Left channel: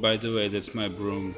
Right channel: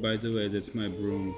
By the way, that's my broom.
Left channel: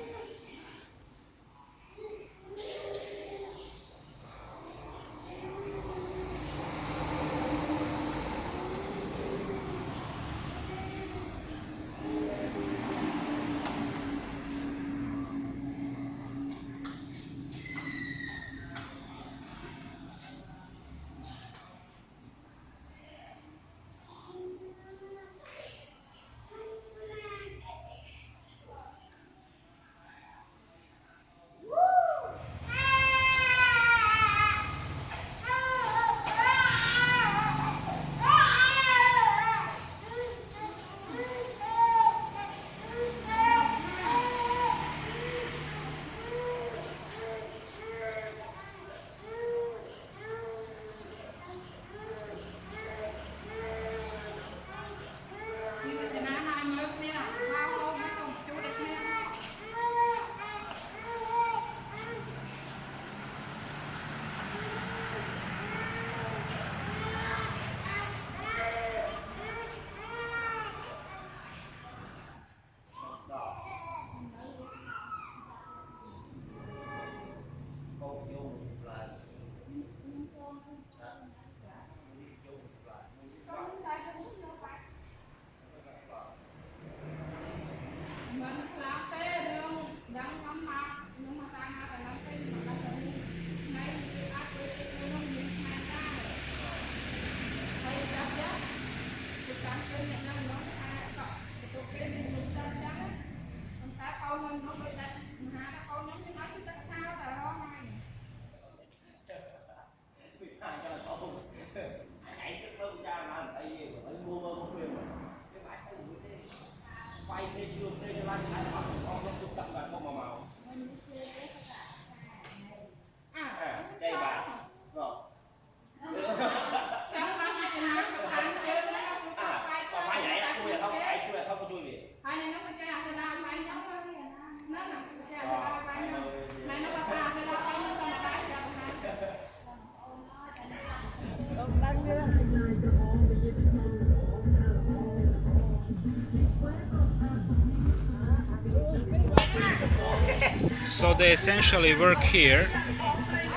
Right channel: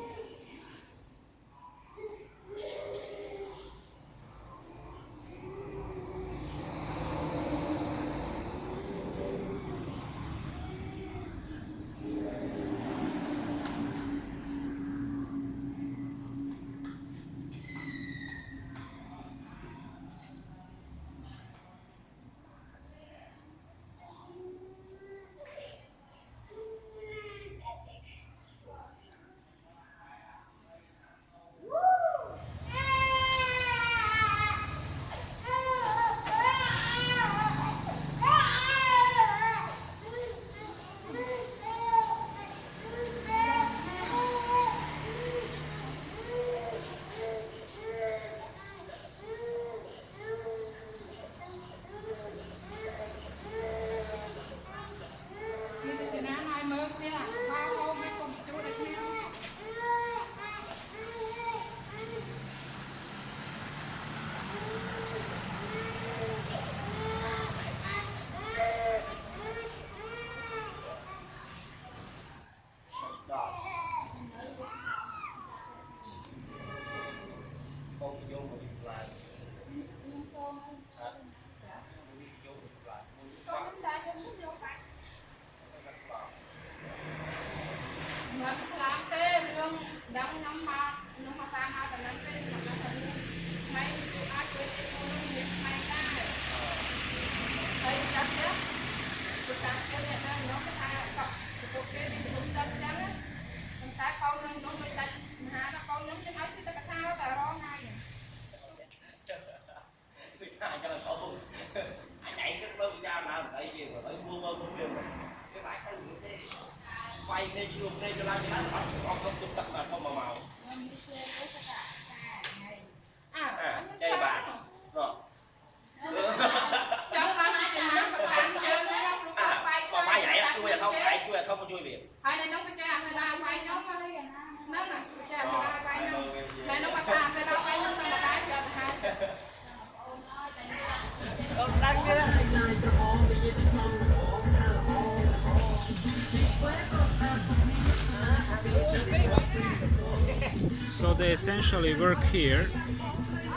So they essentially work here.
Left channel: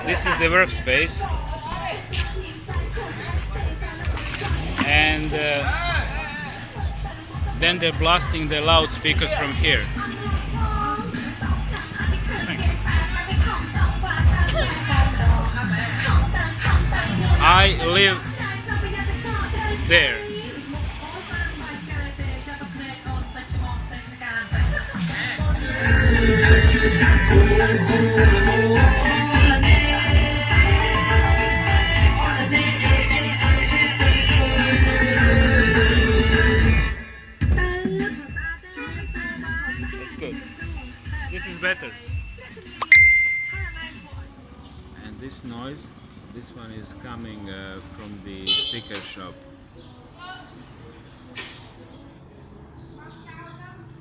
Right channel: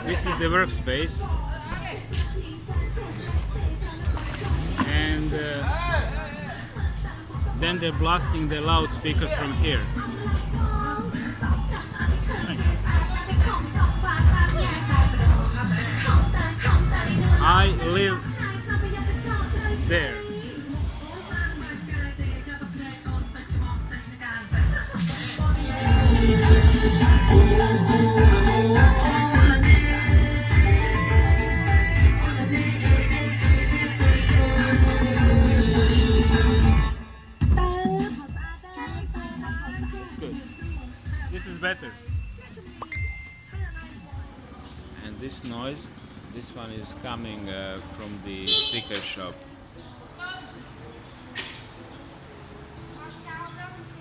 This is the workspace, and then they're blasting the loudspeakers from here. I live there. That's good. This is better. And this noise, this one is coming from the speaker shop.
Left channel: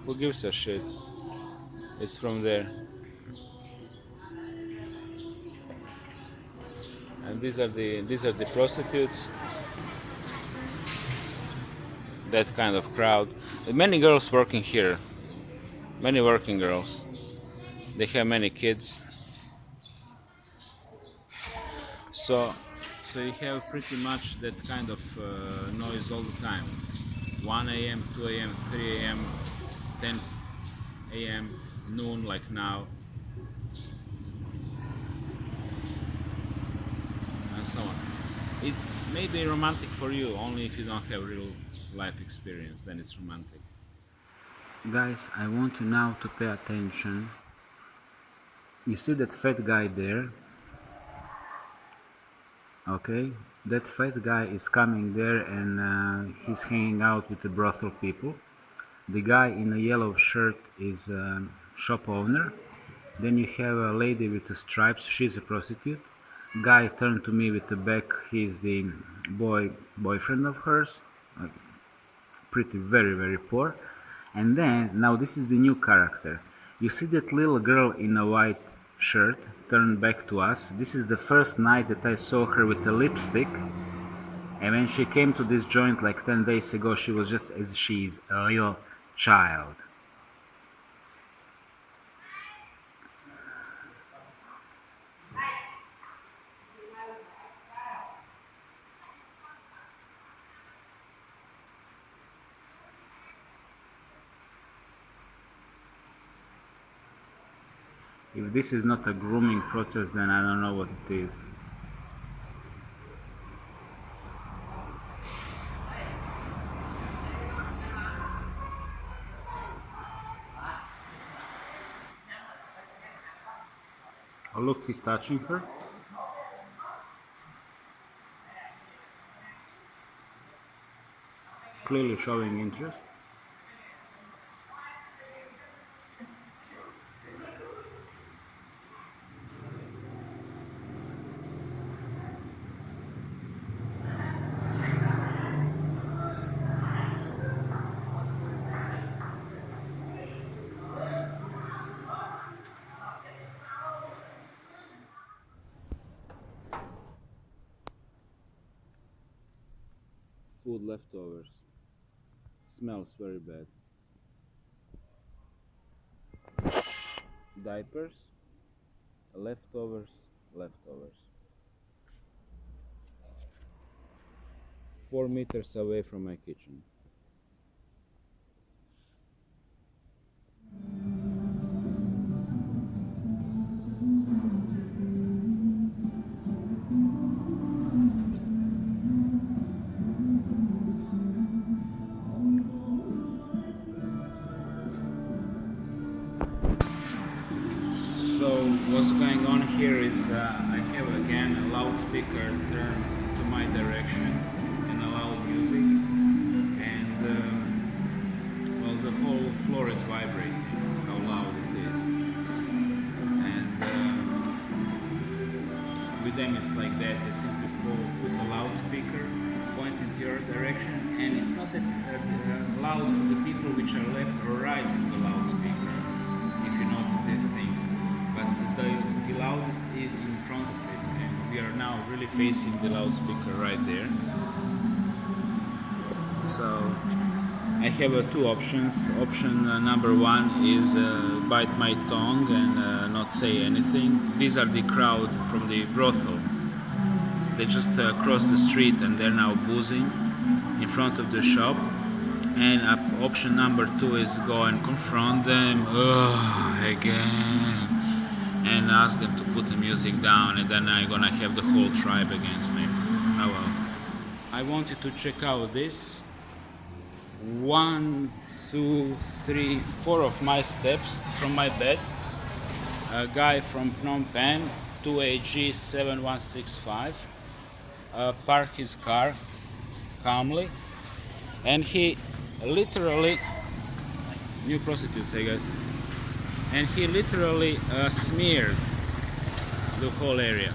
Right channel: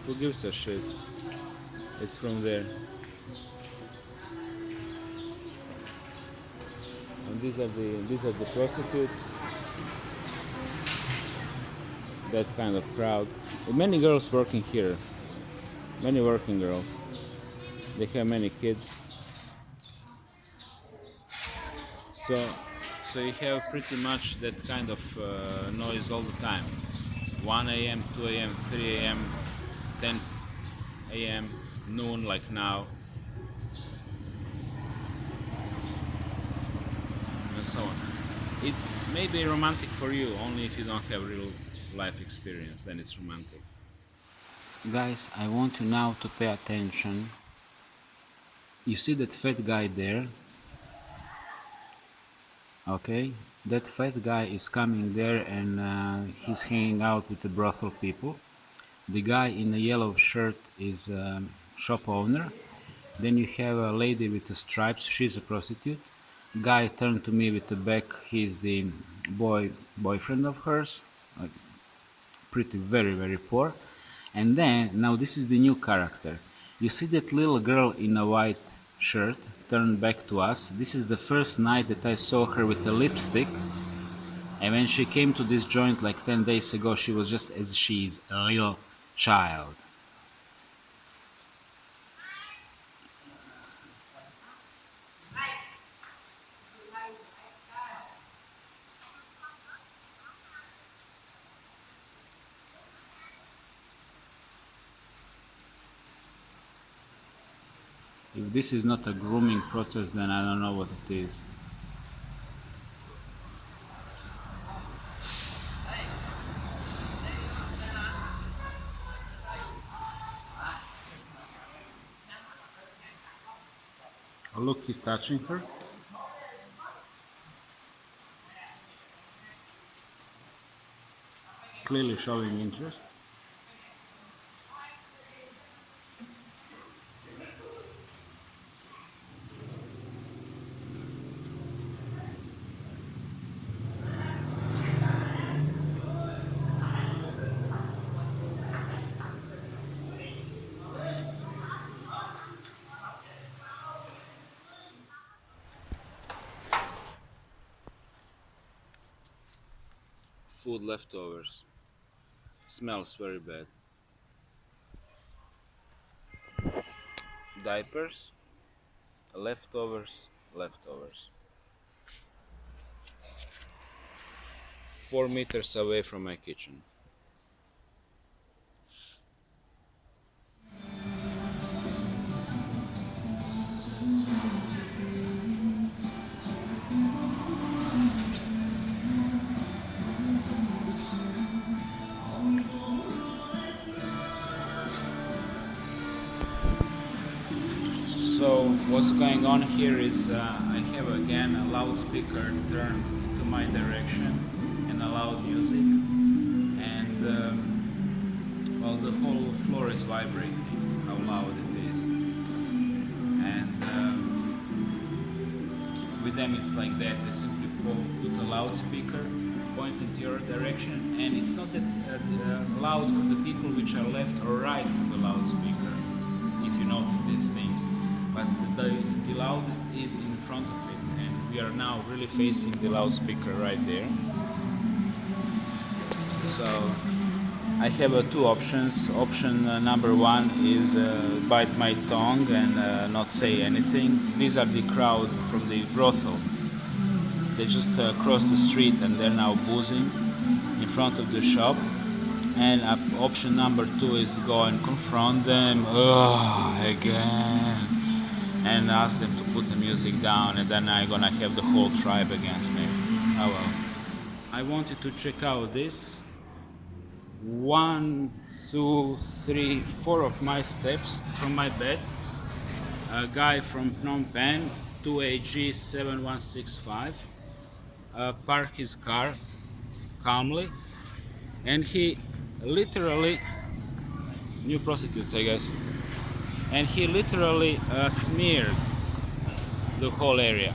Who gives a shit? It's from there. And these are the prostitutes. That kind of crowd. Many girls working here. Many working girls. They have many kids. So you have pretty much that kind of noise all the time. 1 a.m., 2 a.m., 3 a.m., 10 a.m., noon like now, and so on. It's maybe romantic for you only if you don't have real life experience, then it's romantic. Guys, I want you now to pay attention. You see that fat guy there? Okay, that fat guy is coming there and he's hanging out with the brothel people. The guy in a yellow shirt is a shop owner. Then you have a lady with the stripes, she's a prostitute. Guy turned to me with the back, he's the boyfriend of hers. Pretty very poor. And then, now this is the new character. You see that little girl in a white shirt turned back to us. This is the first night that I saw her with a lipstick. And when she came to this joint like 10 days ago, she was just as she is, a little child. If this is not a grooming process, then I don't know what it is. Oh, look, he's touching her. Clearly showing interest. Food leftovers. Smells very bad. Diapers. Leftovers. Leftovers. 4 meters away from my kitchen. So what's going on here is I have again a loudspeaker turned into my direction and a loud music, and well, the whole floor is vibrating, how loud it is. And with them it's like that, they simply put a loudspeaker point into your direction, and it's not that loud for the people which are left or right from the loudspeaker, if you notice these things, but the loudest is in front of it, and we are now really facing the loudspeaker right there. So I have two options. Option number one is bite my tongue and not say anything. These are the crowd from the brothel. They just crossed the street and they're now boozing in front of the shop. And option number two is go and confront them again and ask them to put the music down, and then I'm gonna have the whole tribe against me. Oh well. I wanted to check out this. 1, 2, 3, 4 of my steps from my bed. A guy from Phnom Penh, 2AG 7165, parked his car calmly, and he literally, new prostitutes I guess, and he literally smeared the whole area.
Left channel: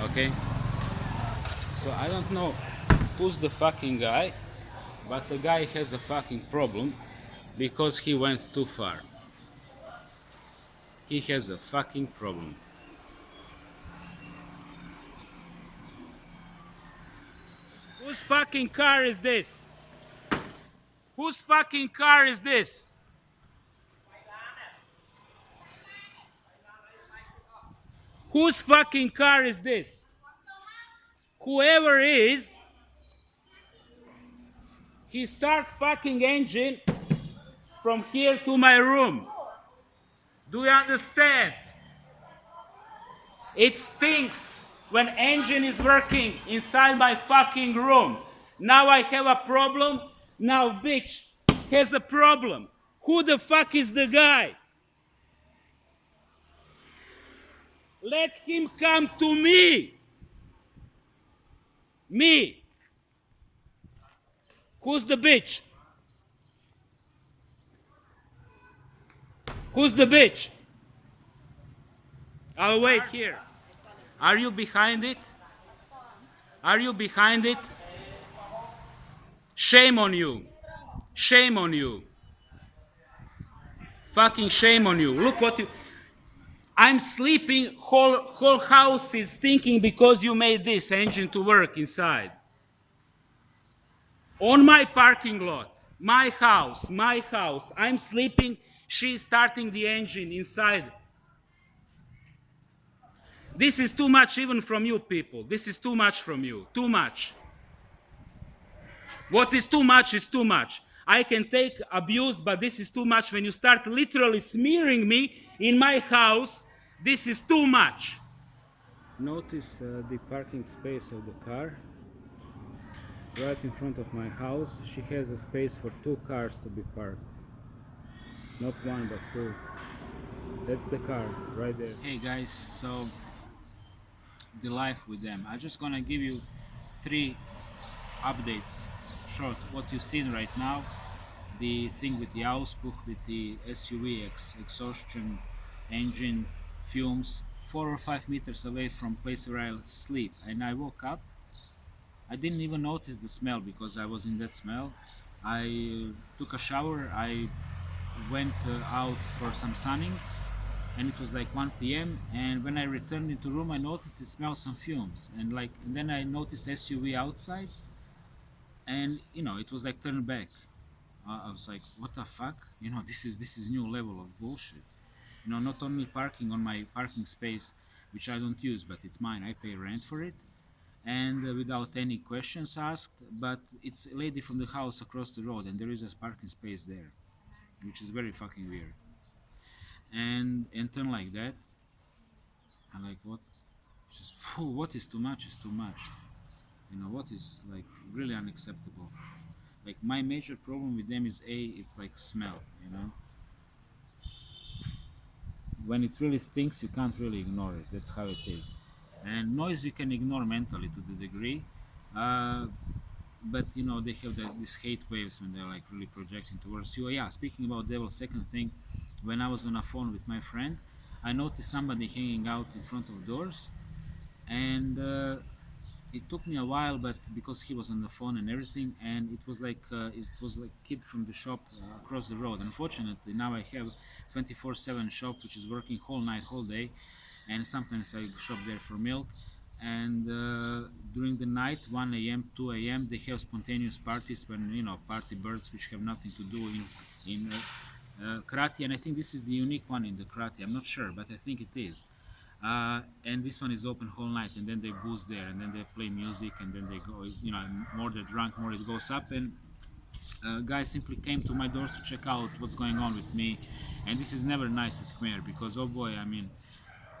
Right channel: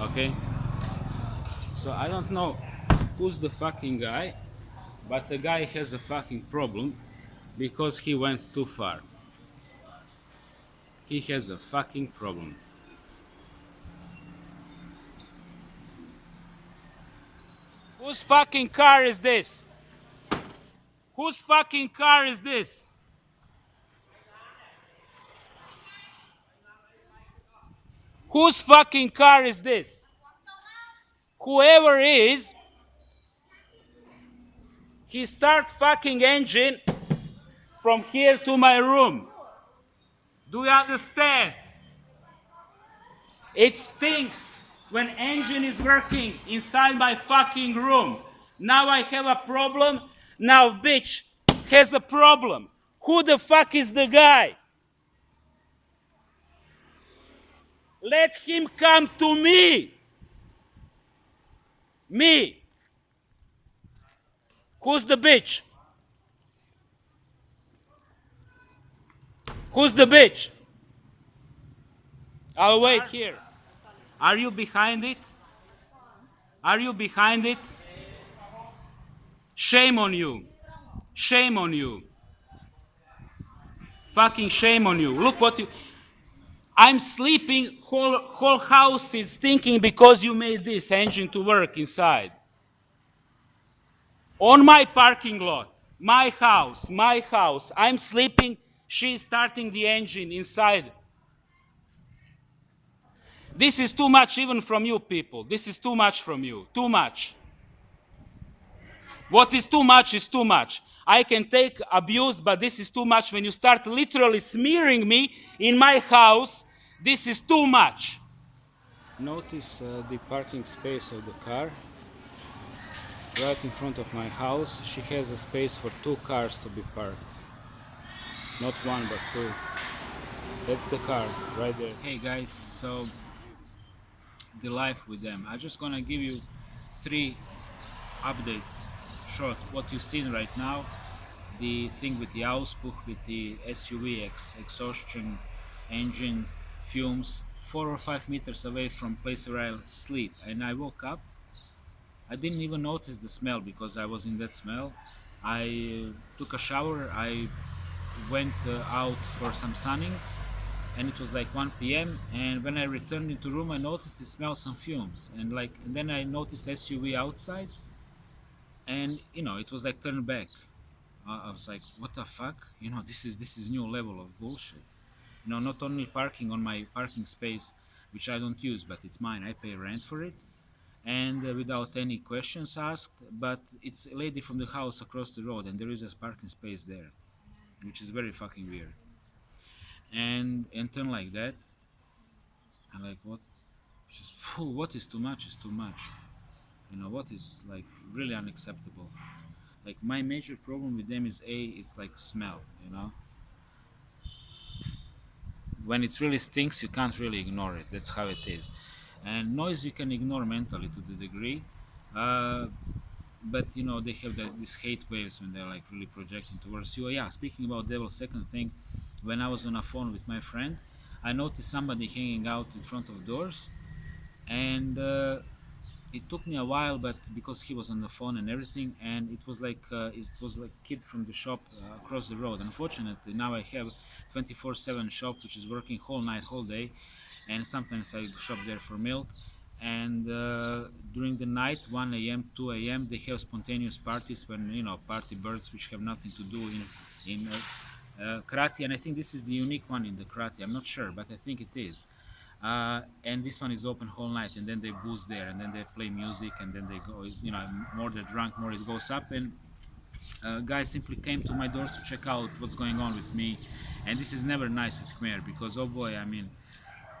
Okay, so I don't know who's the fucking guy, but the guy has a fucking problem because he went too far. He has a fucking problem. Whose fucking car is this? Whose fucking car is this? Whose fucking car is this? Whoever is, he start fucking engine from here to my room. Do you understand? It stinks when engine is working inside my fucking room. Now I have a problem. Now bitch has a problem. Who the fuck is the guy? Let him come to me. Me. Who's the bitch? Who's the bitch? I'll wait here. Are you behind it? Are you behind it? Shame on you. Shame on you. Fucking shame on you. Look what you... I'm sleeping, whole house is stinking because you made this engine to work inside. On my parking lot, my house, I'm sleeping, she's starting the engine inside. This is too much even from you people. This is too much from you, too much. What is too much is too much. I can take abuse, but this is too much. When you start literally smearing me in my house, this is too much. Notice the parking space of the car right in front of my house. She has a space for two cars to be parked. Not one, but two. That's the car right there. Hey guys, so the life with them. I'm just gonna give you three updates. Short, what you've seen right now, the thing with the Auspuh, with the SUV exhaustion engine, fumes, 4 or 5 meters away from place where I sleep. And I woke up, I didn't even notice the smell because I was in that smell. I took a shower, I went out for some sunning, and it was like 1 p.m. And when I returned into room, I noticed it smells some fumes, and then I noticed SUV outside, and it was like turned back. I was like, what the fuck? This is new level of bullshit. Not only parking on my parking space, which I don't use, but it's mine. I pay rent for it, and without any questions asked. But it's a lady from the house across the road, and there is a parking space there, which is very fucking weird. And turn like that. I'm like, what? Just what is too much is too much. What is like really unacceptable. Like my major problem with them is it's like smell. When it really stinks, you can't really ignore it. That's how it is. And noise you can ignore mentally to the degree, uh, but they have these hate waves when they're like really projecting towards you. Oh, yeah, speaking about devil, second thing, when I was on a phone with my friend, I noticed somebody hanging out in front of doors, and it took me a while, but because he was on the phone and everything, and it was like kid from the shop across the road. Unfortunately, now I have 24/7 shop which is working whole night, whole day, and sometimes I shop there for milk. And during the night, 1 a.m., 2 a.m., they have spontaneous parties when party birds which have nothing to do in Kratie, and I think this is the unique one in the Kratie. I'm not sure, but I think it is. And this one is open whole night, and then they booze there, and then they play music, and then they go. More they're drunk, more it goes up, and guys simply came to my doors to check out what's going on with me, and this is never nice with Khmer because oh boy, I mean,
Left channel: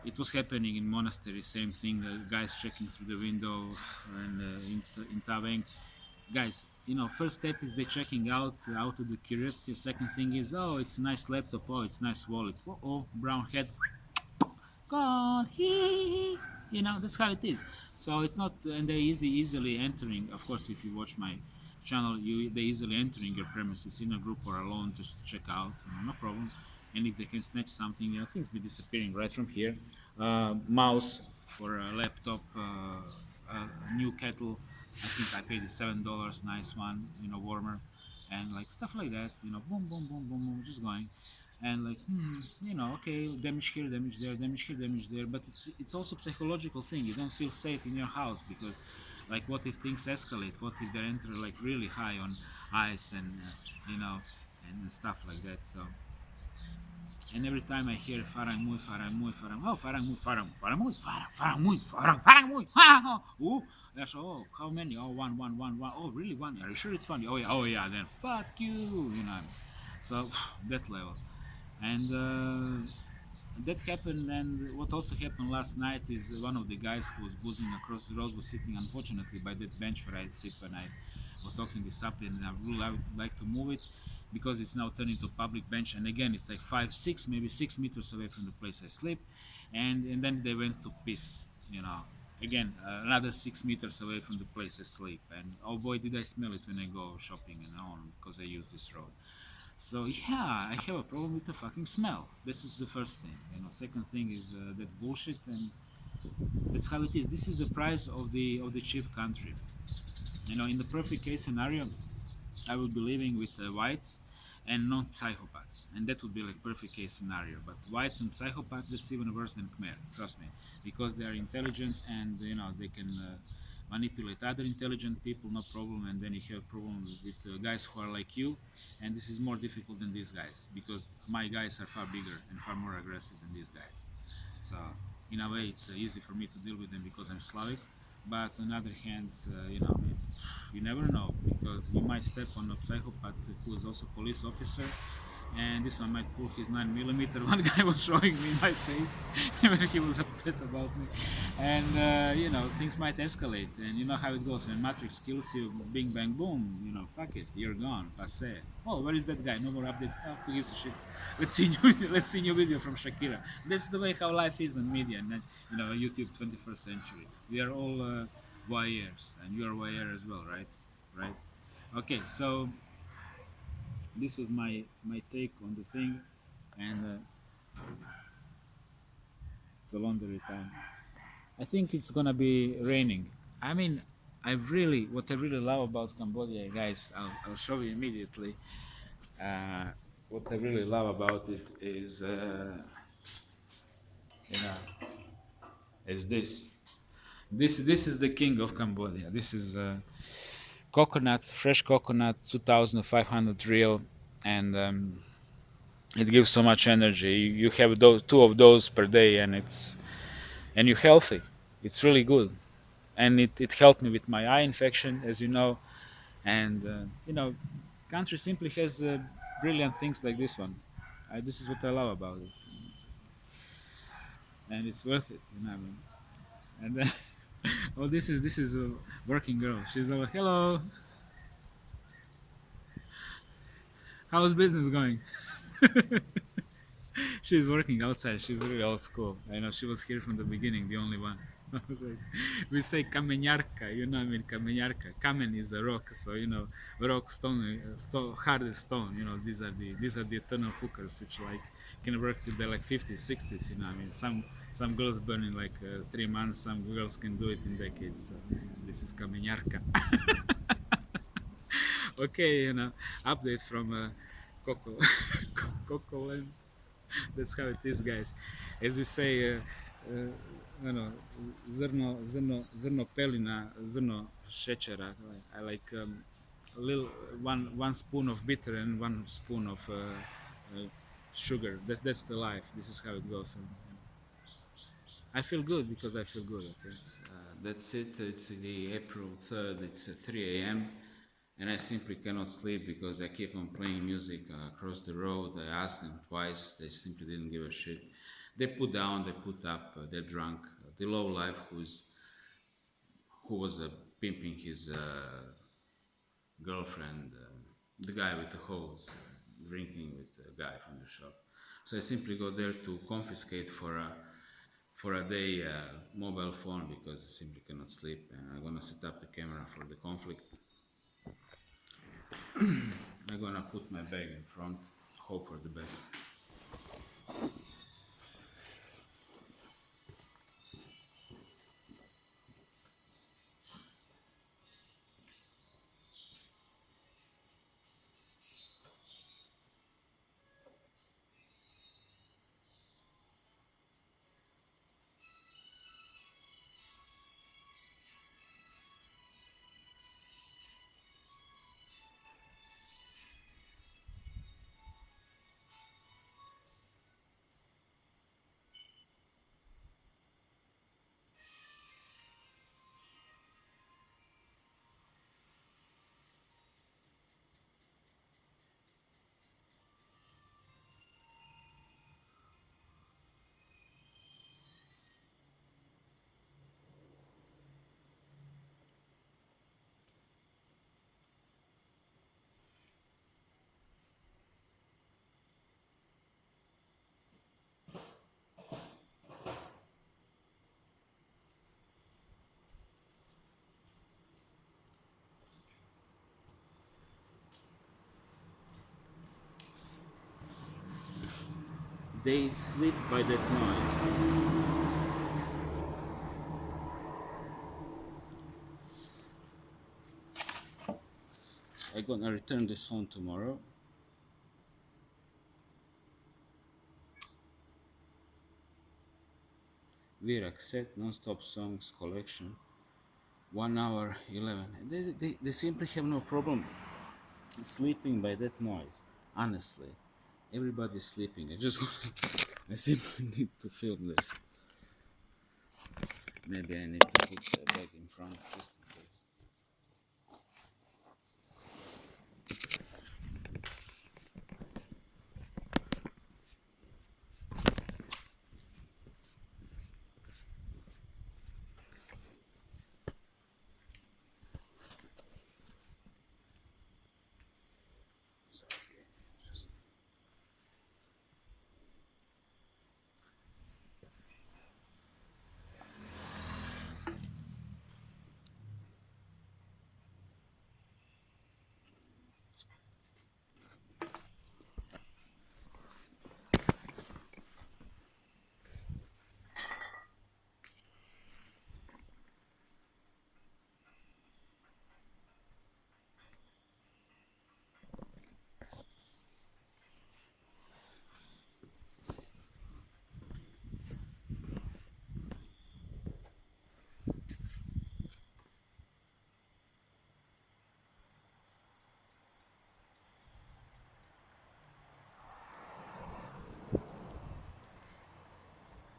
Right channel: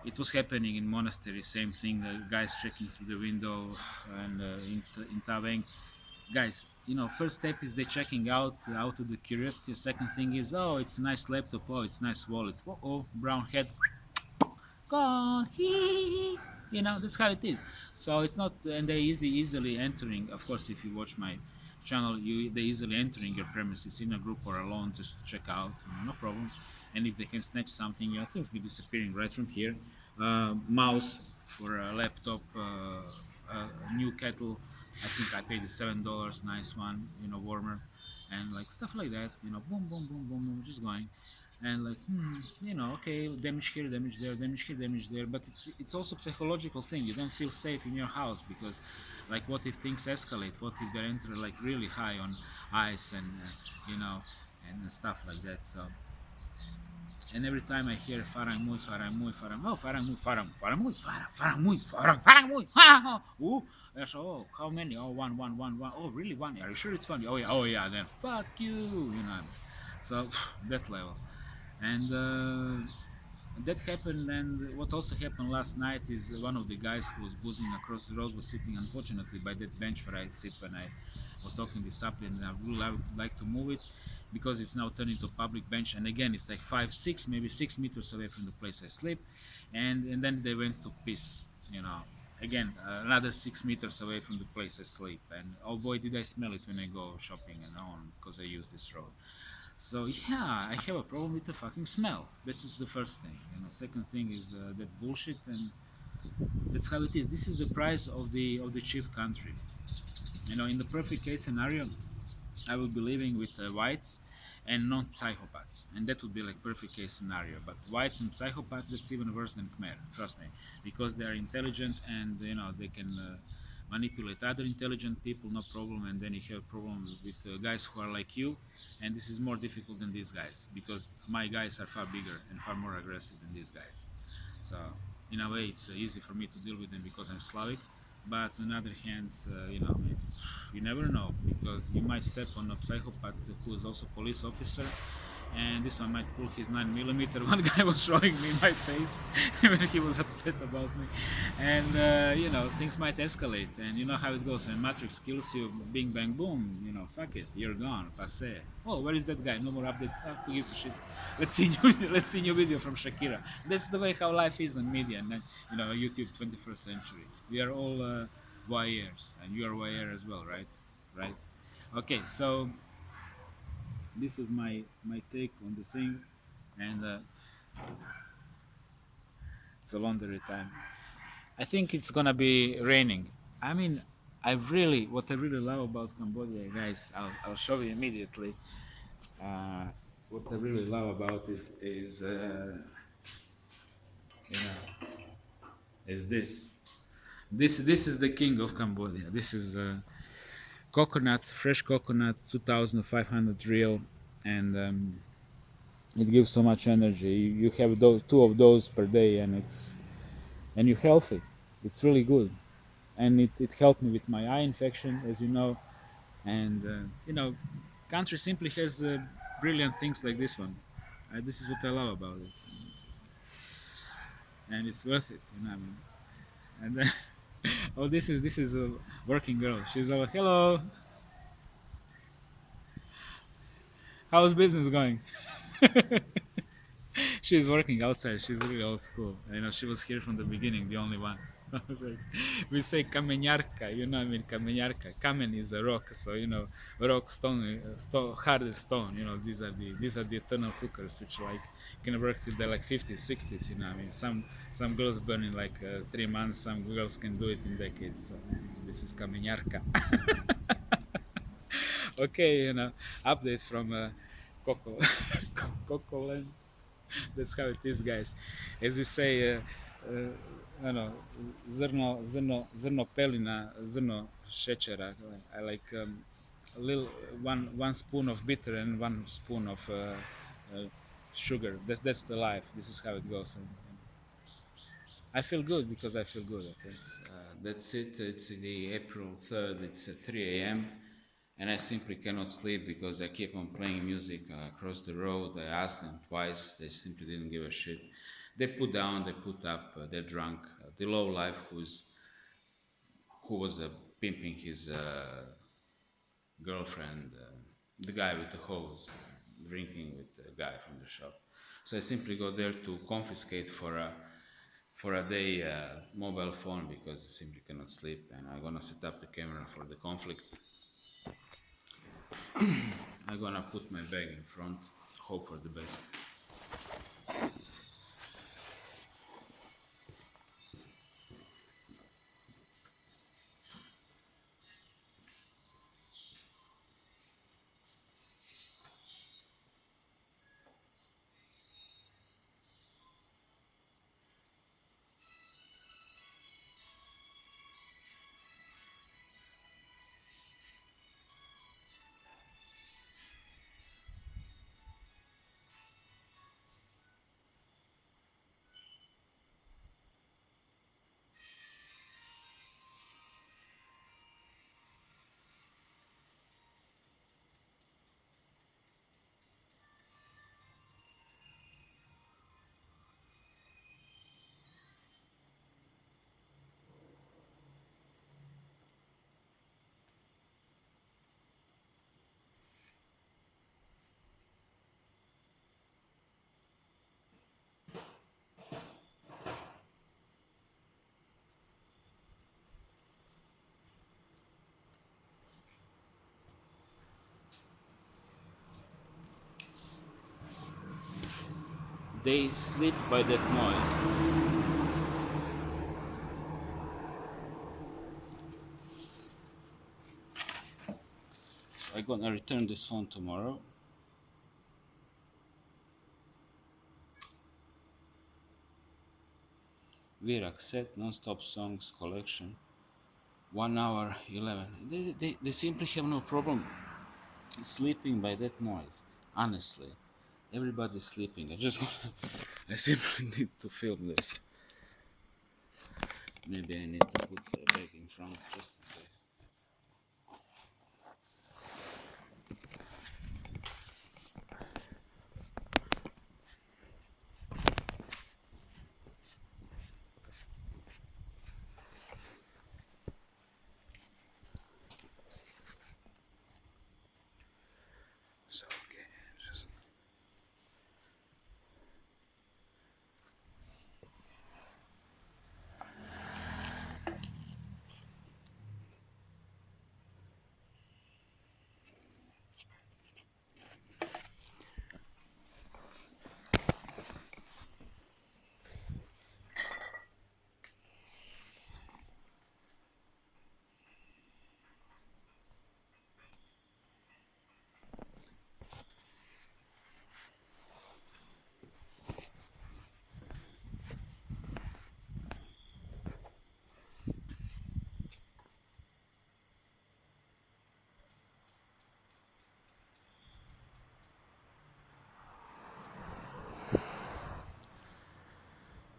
it was happening in monastery, same thing. Guys checking through the window, and in Taveng, guys. First step is they checking out of the curiosity. Second thing is, oh, it's a nice laptop. Oh, it's nice wallet. Oh, brown head gone. Hee. That's how it is. So it's not, and they easily entering. Of course, if you watch my channel, they easily entering your premises in a group or alone just to check out. No problem. And if they can snatch something, things be disappearing right from here. Mouse for a laptop, a new kettle. I think I paid the $7. Nice one, warmer, and like stuff like that. Boom, boom, boom, boom, boom, just going, and like, okay, damage here, damage there, damage here, damage there. But it's also psychological thing. You don't feel safe in your house because, like, what if things escalate? What if they enter like really high on ice and and stuff like that. So. And every time I hear Farang Mui, Farang Mui, Farang, oh, Farang Mui, Farang, Farang Mui, Farang, Farang Mui, Farang, Farang Mui, ha, ooh, that's oh, how many? Oh, one, one, one, one. Oh, really one? Are you sure it's one? Oh yeah, then fuck you, So that level, and that happened. And what also happened last night is one of the guys who was boozing across the road was sitting, unfortunately, by that bench where I sit when I was talking this up, and I would like to move it because it's now turned into a public bench. And again, it's like 5, 6, maybe 6 meters away from the place I sleep, and then they went to piss. Again, another 6 meters away from the place I sleep. And oh boy, did I smell it when I go shopping and on because I use this road. So yeah, I have a problem with the fucking smell. This is the first thing. Second thing is that bullshit, and that's how it is. This is the price of the cheap country. In the perfect case scenario, I would be living with whites and non-psychopaths, and that would be like perfect case scenario. But whites and psychopaths, that's even worse than Khmer. Trust me, because they are intelligent and they can manipulate other intelligent people, no problem. And then you have problem with guys who are like you, and this is more difficult than these guys because my guys are far bigger and far more aggressive than these guys. So in a way, it's easy for me to deal with them because I'm Slavic. But on the other hand, you never know, because you might step on a psychopath who is also police officer, and this one might pull his 9 millimeter. One guy was showing me in my face when he was upset about me, and things might escalate. And you know how it goes when Matrix kills you, bing bang boom. Fuck it, you're gone, passe. Oh, where is that guy? No more updates. Who gives a shit? Let's see new, let's see new video from Shakira. That's the way how life is on media, and YouTube 21st century. We are all voyeurs, and you are voyeur as well, right? Right. Okay, so this was my take on the thing, and it's a laundry time. I think it's gonna be raining. I mean, what I really love about Cambodia, guys, I'll show you immediately. Uh, what I really love about it is, you know, is this. This is the king of Cambodia. This is coconut, fresh coconut, 2,500 real, and it gives so much energy. You have those two of those per day, and you're healthy. It's really good, and it helped me with my eye infection, as you know. And country simply has brilliant things like this one. This is what I love about it, and it's worth it. You know what I mean? And then, oh, this is a working girl. She's all, hello, how's business going? She's working outside. She's really old school. I know she was here from the beginning, the only one. Like, we say kamenyarka, I mean kamenyarka. Kamen is a rock, so rock, stone, hard as stone. These are the eternal hookers, which like can work till they're like 50s, 60s. I mean, some girls burn in like 3 months. Some girls can do it in decades. So, this is kamenyarka. Okay, update from Coco, Coco Land. That's how it is, guys. As we say, zrno pelina, zrno šećera. I like a little one spoon of bitter and 1 spoon of sugar. That's the life. This is how it goes. And I feel good because I feel good. Okay. That's it. It's the April 3rd. It's 3 a.m. And I simply cannot sleep because I keep on playing music across the road. I asked them twice. They simply didn't give a shit. They put down. They put up. They're drunk. The low life who was pimping his girlfriend, the guy with the hose, drinking with the guy from the shop. So I simply go there to confiscate for a day mobile phone because I simply cannot sleep, and I'm gonna set up the camera for the conflict. I'm gonna put my bag in front, hope for the best. They sleep by that noise. I'm gonna return this phone tomorrow. Virak set non-stop songs collection. 1 hour 11. They simply have no problem sleeping by that noise. Honestly, everybody's sleeping. I simply need to film this. Maybe I need to put the bag in front just in case.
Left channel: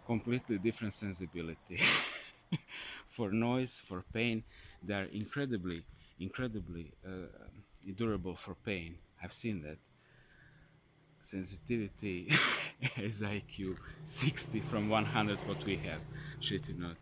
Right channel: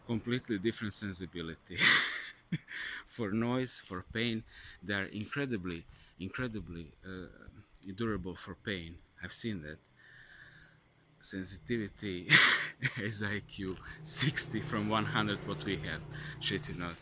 completely different sensibility. For noise, for pain, they are incredibly durable for pain. I've seen that. Sensitivity is IQ 60 from 100 what we have. Shit, you know.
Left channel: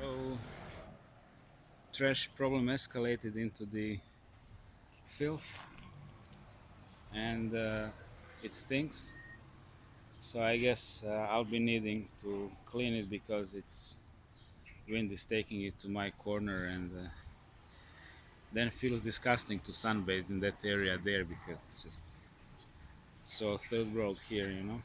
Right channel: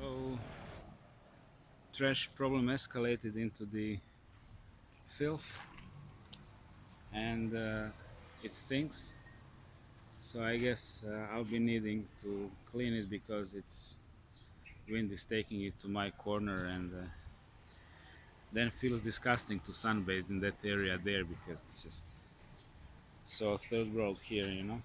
So, trash problem escalated into the filth, and it stinks. So I guess I'll be needing to clean it because it's wind is taking it to my corner, and then it feels disgusting to sunbathe in that area there because it's just so third world here, you know.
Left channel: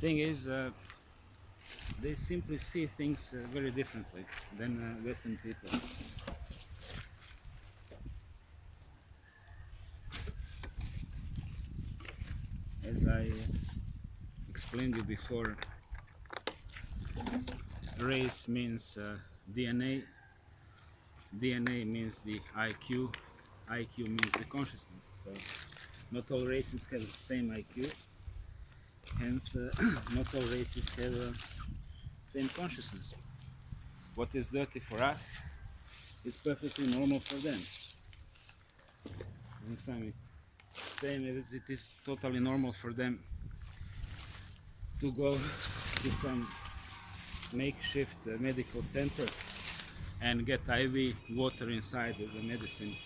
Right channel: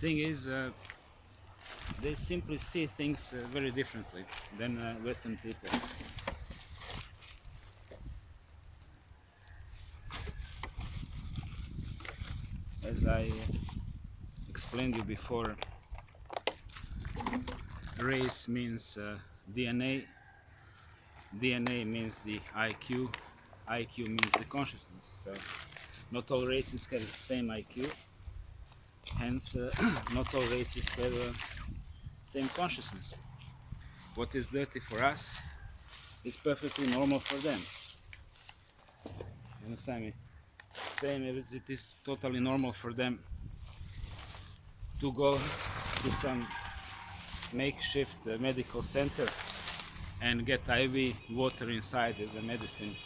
Thing is, they simply see things very differently than Western people. As I explained you before, race means DNA, DNA means the IQ, IQ means the consciousness. So not all races have the same IQ, hence not all races have same consciousness. What is dirty for us is perfectly normal for them. You understand me? Same as it is totally normal for them to go to some makeshift medical center and get IV water inside as a medicine,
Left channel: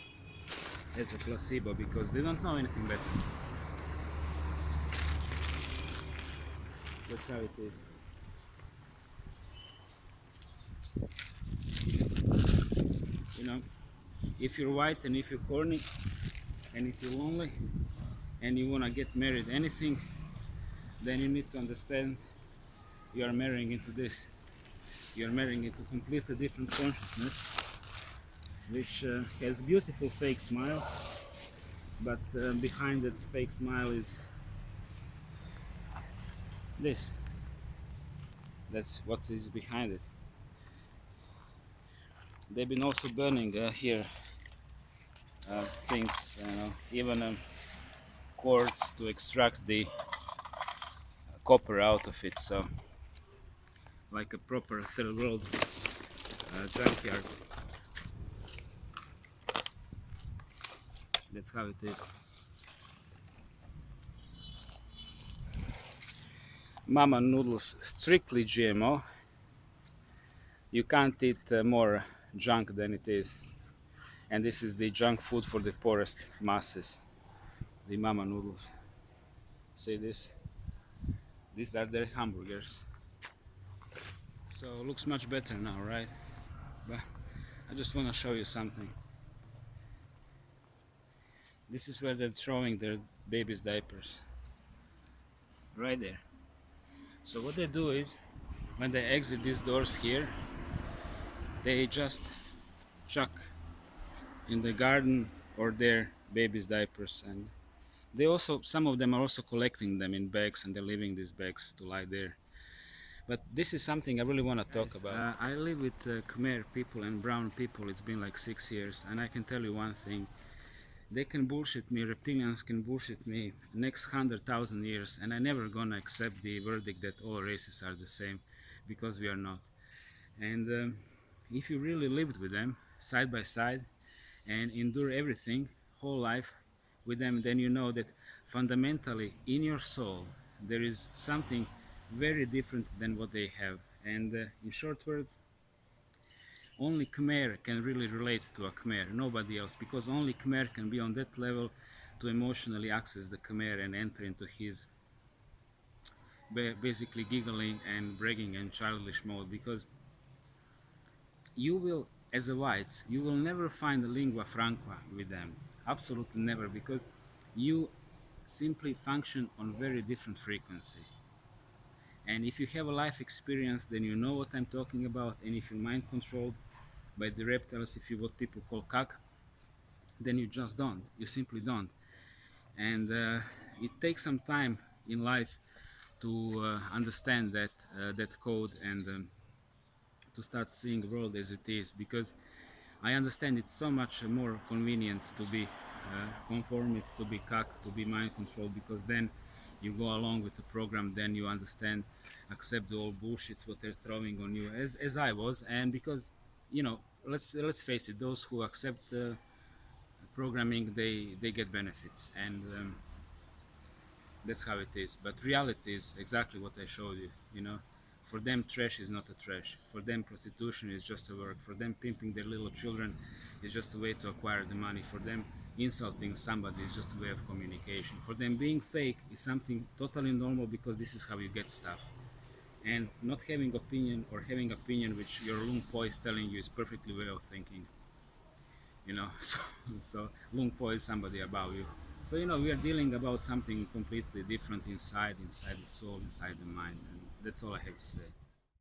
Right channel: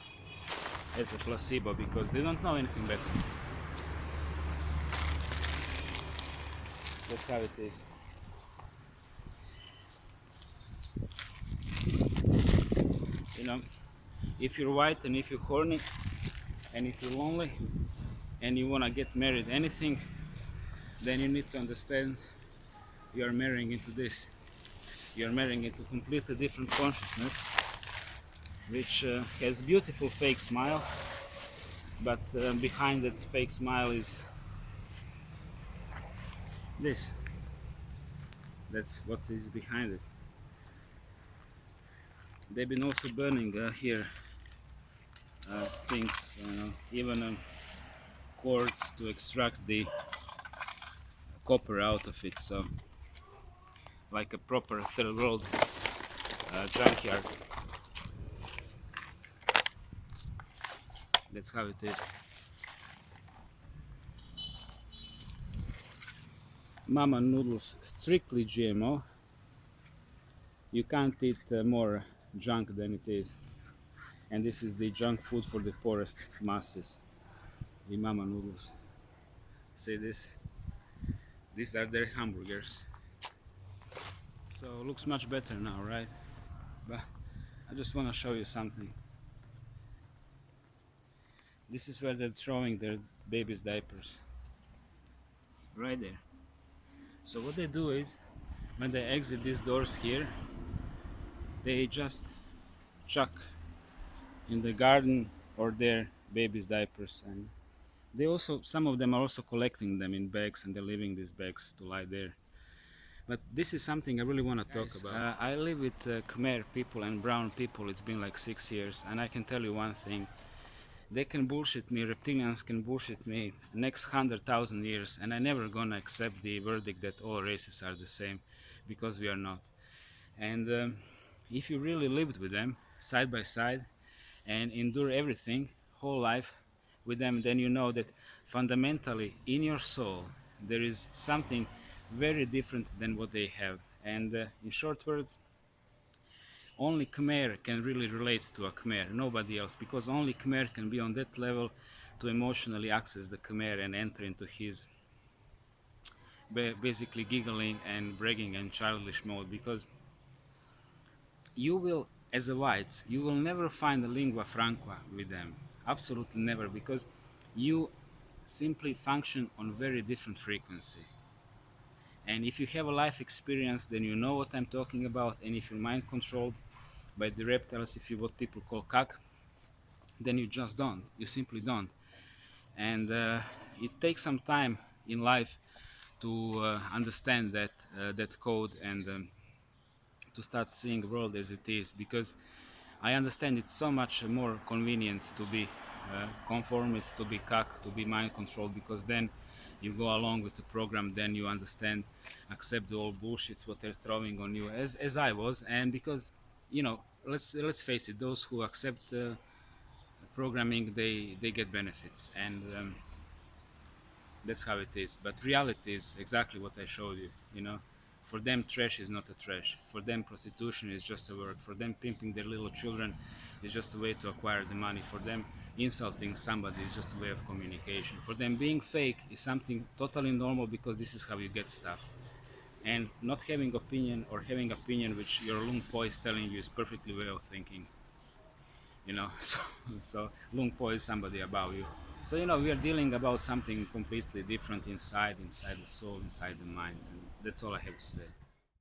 as a placebo, because they don't know anything better. That's how it is. You know, if you're white and if you're horny and if you're lonely and you want to get married anything, then you need to understand you are marrying into this. You're marrying into completely different consciousness, which has beautiful fake smile, but behind that fake smile is this. That's what is behind it. They've been also burning here things, even cords to extract the copper out of it. So, like a proper third world junkyard. That's how it is. Mama noodles strictly GMO. You can't eat more junk than it is. And this is the junk food for the poorest masses. The mama noodles. See this? These are their hamburgers. So looks much better now, right? But I just want to show you something. This is where they're throwing their babies' diapers. Right there. So what they do is, when they exit these doors here, they just chuck in the garden or their babies' diapers, and they also, some of them are also collecting them in bags, and they're leaving these bags to lie there. But this is something I really want to talk about. I live with Khmer people and brown people. It's been like 6 years, and I can tell you one thing: they can bullshit me, reptilians can bullshit me next 100,000 years, and I never gonna accept the verdict that all races are the same, because we are not. And if you really lived with them side by side and endure everything whole life with them, then you know that fundamentally in your soul there is something very different than what they have. And in short words, only Khmer can really relate to a Khmer, nobody else, because only Khmer can be on that level to emotionally access the Khmer and enter into his basically giggling and bragging and childish mode. Because you will, as a whites, you will never find a lingua franca with them, absolutely never, because you simply function on very different frequency. And if you have a life experience, then you know what I'm talking about. And if you're mind controlled by the reptiles, if you what people call cock, then you just don't. You simply don't. And it takes some time in life to understand that code, and to start seeing the world as it is, because I understand it's so much more convenient to be conformist, to be cuck, to be mind controlled, because then you go along with the program, then you understand, accept the old bullshits what they're throwing on you, as I was. And because, let's face it, those who accept programming, they get benefits, and that's how it is. But reality is exactly what I showed you. For them, trash is not a trash. For them, prostitution is just a work. For them, pimping their little children is just a way to acquire the money. For them, insulting somebody is just a way of communication. For them, being fake is something totally normal, because this is how you get stuff. And not having opinion, or having opinion which your lung po is telling you, is perfectly way of thinking. So lung po is somebody above you. So we are dealing about something completely different inside the soul, inside the mind, and that's all I have to say.